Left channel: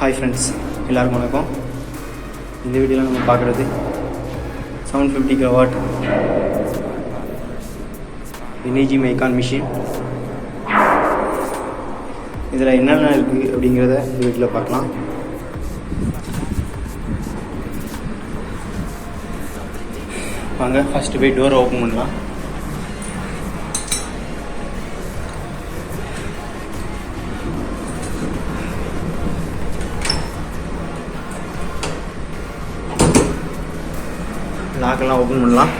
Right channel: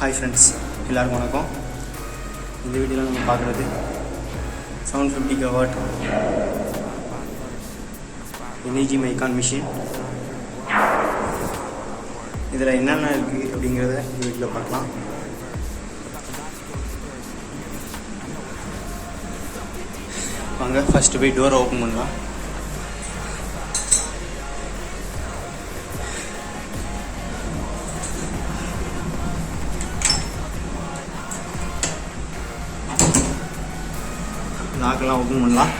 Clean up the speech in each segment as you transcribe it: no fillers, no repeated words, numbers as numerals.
Hi friends, எல்லாருக்கும் வணக்கம். இந்த வீடியோல நம்ம பார்க்குறது 750 kW எனர்ஜி மைக்கான் மிஷின். இதில் என்னென்ன இருக்குது அப்படிங்கிறத இந்த வீடியோவில் பார்க்கலாம். வாங்க ஃபஸ்ட்டு போய் டோரை ஓப்பன் பண்ணலாம். லாக்கெல்லாம் ஓப்பன் பண்ணலாம்.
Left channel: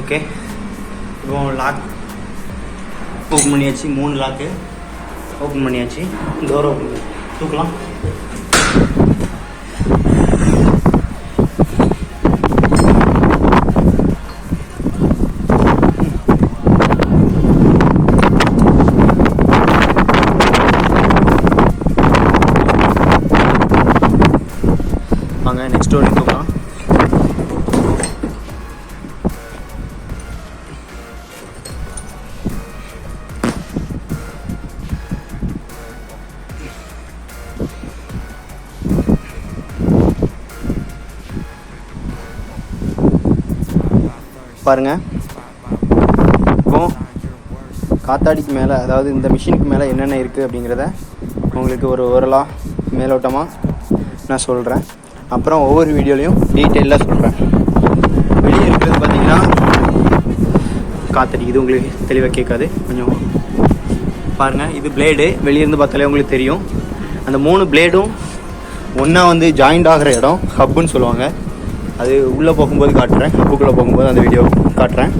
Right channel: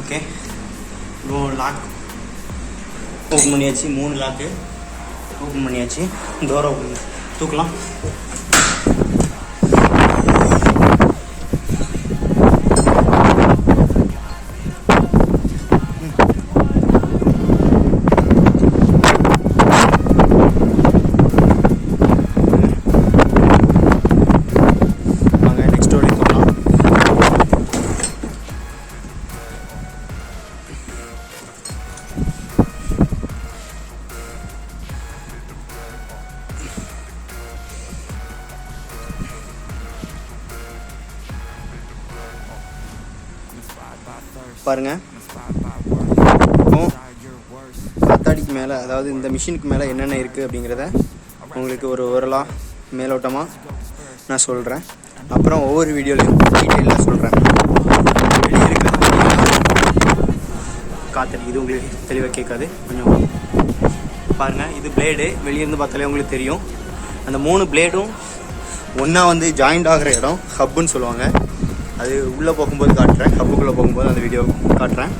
ஓகே, இப்போ லாக் ஓப்பன் பண்ணியாச்சு. 3 லாக்கு ஓப்பன் பண்ணியாச்சு. டோரை ஓப்பன் தூக்கலாம். வாங்க நெக்ஸ்ட் டோர் தூக்கலாம். பாருங்க, இப்போ காத்தாடிக்கு மேலே, அதாவது இந்த மிஷினுக்கு மேலே என்னென்ன இருக்குது அப்படிங்கிறத உங்களுக்கு ஒரு ஓரலாக மேலோட்டமாக நான் சொல்கிறேன். அப்புறம் ஒவ்வொரு வீடியோலையும் டீட்டெயிலாக சொல்கிறேன். வெளியே இருக்கிறது பார்த்தீங்கன்னா காத்தாடி, இது உங்களுக்கு தெளிவாக கேட்காது. கொஞ்சம் பாருங்கள், இது பிளேடு. வெளியேருந்து பார்த்தாலே உங்களுக்கு தெரியும். அந்த 3 பிளேடும் ஒன்றா வந்து ஜாயிண்ட் ஆகிற இடம் ஹப்புன்னு சொல்லுவாங்க. அது உள்ளே போகும்போது காட்டுறேன், ஹப்புக்குள்ளே போகும்போது அந்த வீடியோ காட்டுறேன்.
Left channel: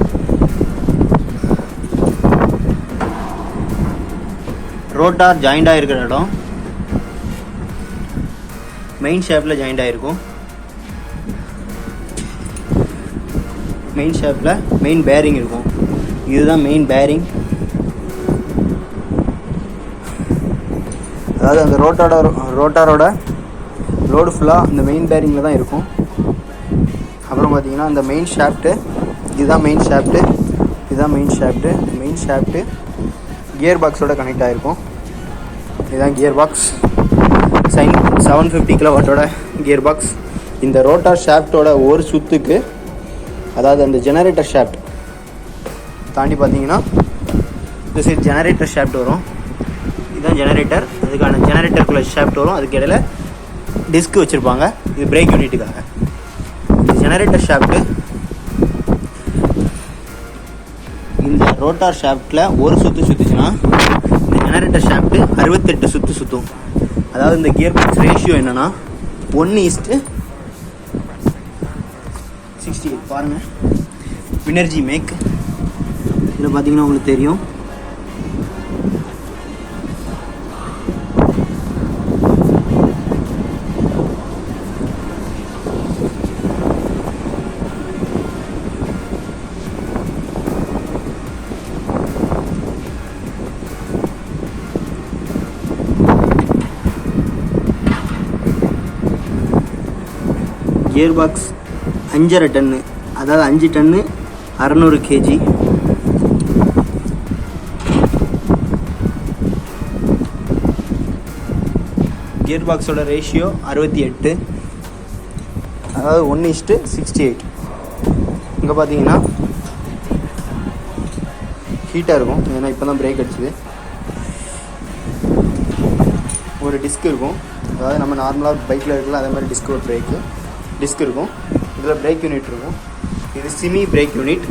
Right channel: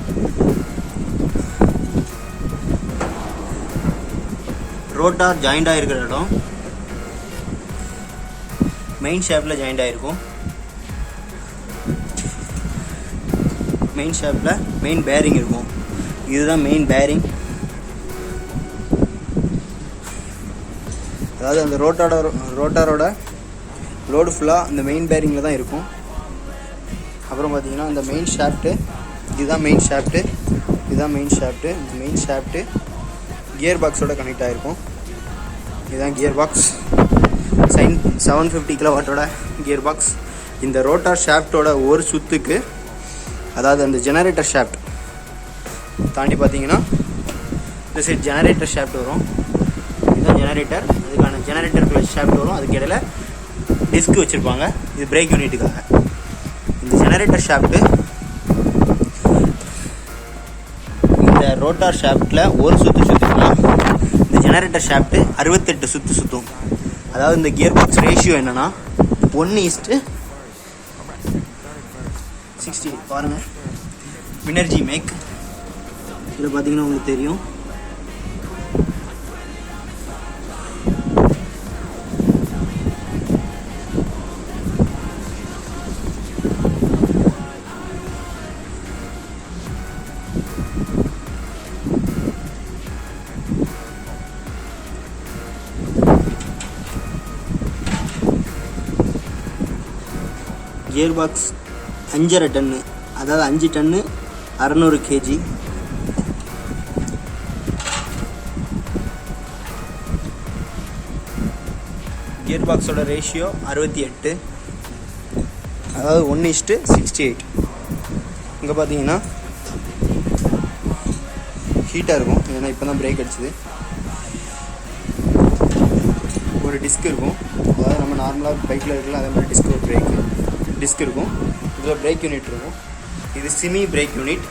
ரோட்டார் ஜாயிண்ட் ஆகிருக்கிற இடம் மெயின் ஷாஃப்டில் ஜாயிண்ட் ஆகிருக்கும். மெயின் ஷாஃப்டில் மெயின் பேரிங் இருக்கும். இதுதான் மெயின் பேரிங். அதாவது அந்த ரோட்டாரோட லோடு ஃபுல்லாக இந்த மெயின் பேரிங்கில் தான் இருக்கும். அப்புறம் பார்த்தீங்கன்னா இந்த மெயின் ஷாஃப்ட்டு, இதுதான் மெயின் ஷாஃப்ட்டு, இதுதான் மெயின் ஷாஃப்ட்டு கியர் பாக்ஸோட கனெக்ட் ஆகிருக்கும். இதுதான் gear box. 750 kW gear box. இந்த ரோட்டார் ஷாஃப்டோட ஒரு சுத்துக்கு, அதாவது அந்த ஜெனரேட்டர் ஷாஃப்ட் தாண்டி பார்த்தீங்கன்னா இந்த சைட் ஜெனரேட்டர் ஷாஃப்ட் வரும். இதுதான் ஜெனரேட்டர். அதுக்கான ஜெனரேட்டருக்குள்ள ஷாஃப்ட் வரும். அதுக்கு இடையில டிஸ்க் வச்சுருப்பாங்க. இது பிரேக் யூனிட்டுக்காக. ஜெனரேட்டர் ஷாஃப்ட்டு இந்த ரோட்டார் ஷாஃப்டில் ஒரு சுற்றுனா இந்த ஜெனரேட்டர் ஷாஃப்ட்டு 68 சுற்று சுற்றும். அதாவது இந்த கியர் பாக்ஸ் ரேஷியோ என்னன்னா 1:68. பாருங்கள், எனர்ஜி மேக். இதில் பார்த்தீங்கன்னா உங்களுக்கு தெரியும். கியர் பாக்ஸ் 5.5 டன்னு, அதாவது 5 டன்னு 600 kg. கியர் பாக்ஸோட ரேஷியோ 68, அதாவது 1:68. இங்கே பார்த்தீங்கன்னா ஹீட்டாக இருக்கும், ஏன்னா இப்போ தான் பிரேக் அடிச்சுது. ஒரு டிஸ்க் இருக்கும், அதாவது நம்ம நார்மலாக பைக்கில் இருக்கலாம் அதே மாதிரி டிஸ்க், ஒரு பிரேக்கு டிஸ்க் இருக்கும். இதில் பிரேக் யூனிட் இருக்கும். இது SIMI break unit,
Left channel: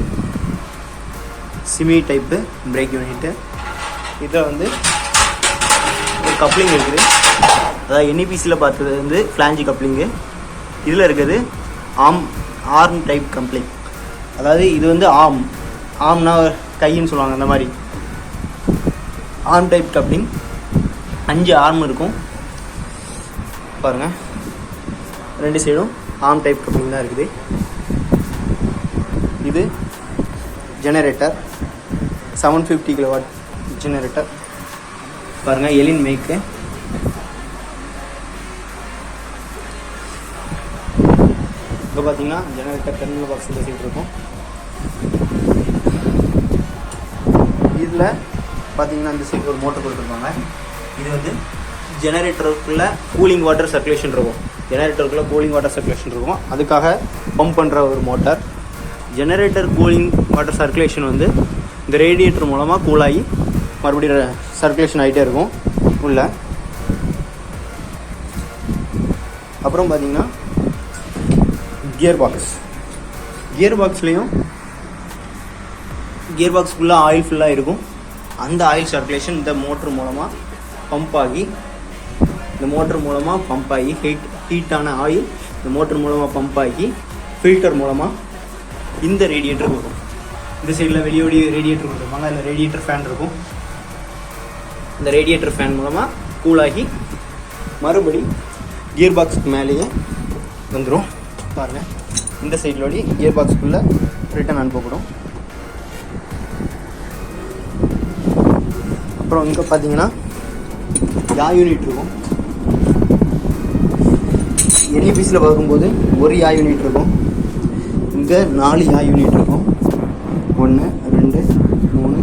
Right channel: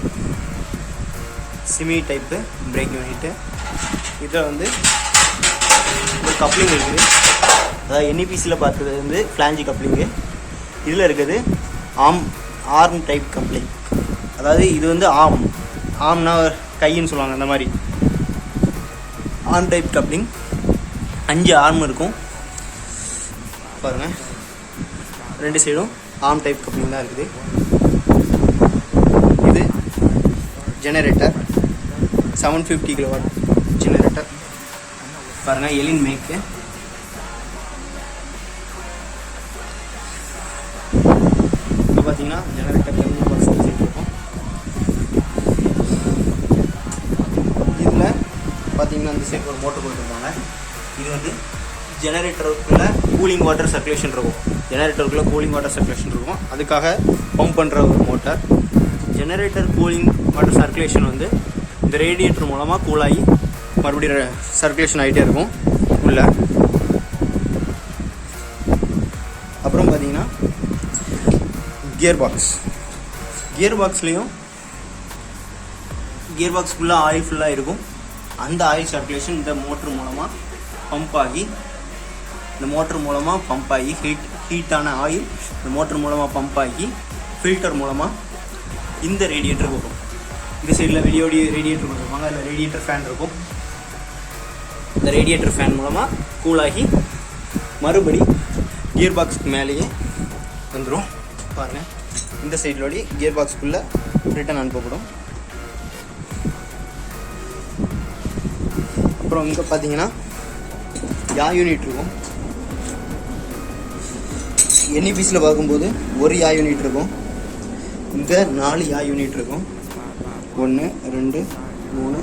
SIMI type break unit. இதில் வந்து ஒரு கப்ளிங் இருக்குது. அதாவது NEPCயில் பார்த்தது வந்து ஃப்ளாஞ்சி கப்ளிங்கு. இதில் இருக்குது ஆர்ம் டைப் கப்ளிங். அதாவது இது வந்து ஆம்னா கைன்னு சொல்லுவாங்க, அந்த மாதிரி ஆர்ம் டைப் கப்ளிங். 5 ஆர்ம் இருக்கும் பாருங்கள். 2 சைடும் ஆர்ம் டைப் கப்ளிங் தான் இருக்குது. இது ஜெனரேட்டர். 750 kW ஜெனரேட்டர் பாருங்கள், எலின் மேக்கு. இப்போ பார்த்தீங்கன்னா ஜெனரேட்டர் டெர்மினல் பாக்ஸ் வச்சுட்டு இருக்கோம். இதில் பார்த்தீங்கன்னா அந்த சைடு ஒரு மோட்டர் கொடுத்துருப்பாங்க. இது வந்து ஜெனரேட்டருக்குள்ளே கூலிங் வாட்டர் சர்க்குலேஷன் இருக்கும். ஜெனரேட்டருக்குள்ளே கூலிங் வாட்டர் சர்க்குலேஷன் இருக்கும். அதுக்காக பம்ப் பண்ணுற ஒரு motor. Generator cooling water circulation வந்து இந்த ரேடியேட்டர் மூலமாக கூலாகி மறுபடியும் சர்க்குலேஷன் ஆகிட்டே இருக்கும் உள்ள. அப்புறம் பார்த்தீங்கன்னா கியர் பாக்ஸ்லேயும் கியர் பாக்ஸ் ஃபுல்லாக ஆயில் ஃபுல்லாக இருக்கும். அந்த ஆயில் சர்க்குலேஷன் இந்த மோட்ரு மூலமாக பம்ப் ஆகி ஹீட்டான ஆயில் இந்த மோட்ரு மூலமாக பம்ப் ஆகி ஃபில்டர் மூலமாக இந்த ரேடியேட்டருக்கு வரும். இந்த சைடில் வெளியோடி ரேடியேட்டர் கொடுத்துருப்பாங்க. அதில் ரேடியேட்டர் ஃபேன் இருக்கும். இந்த ரேடியேட்டர் ஃபேன் மூலமாக கூலாகி மறுபடி கியர் பாக்ஸுக்கு மேலேயே வந்துடும். பாருங்கள், இந்த சைடிலோடி கியர் பாக்ஸுக்குள்ளே ரிட்டன் அனுப்பப்படும். அப்புறம் இங்கே பார்த்தீங்கன்னா யா யூனிட் இருக்கும். என்இபிஸில் பார்க்கும்போது ஒரு யா யூனிட் இருக்கும். இங்கே 4 யா யூனிட் இருக்கும். 1 2 3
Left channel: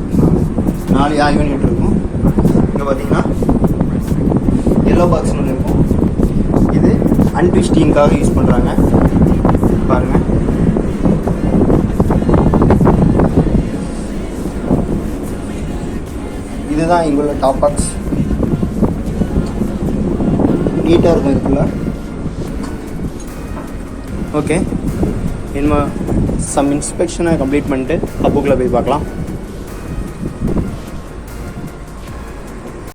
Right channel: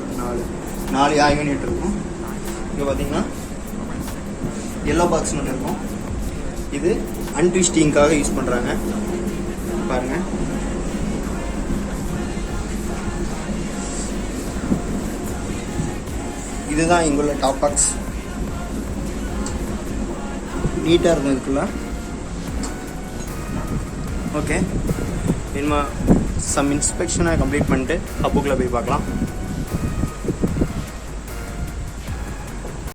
4 யா யூனிட் இருக்கும். இங்கே பார்த்தீங்கன்னா எல்லோ பாக்ஸ் ஒன்று இருக்கும். இது அன்ட்விஸ்டிங்காக யூஸ் பண்ணுறாங்க. பாருங்கள், இதுதான் இங்குள்ள டாப் பாக்ஸ். நீட்டாக இருக்கும் இதுக்குள்ள. ஓகே, இனிமே சம் இன்ஸ்பெக்ஷனை கம்ப்ளீட் பண்ணிட்டு ஹப்புக்குள்ளே போய் பார்க்கலாம்.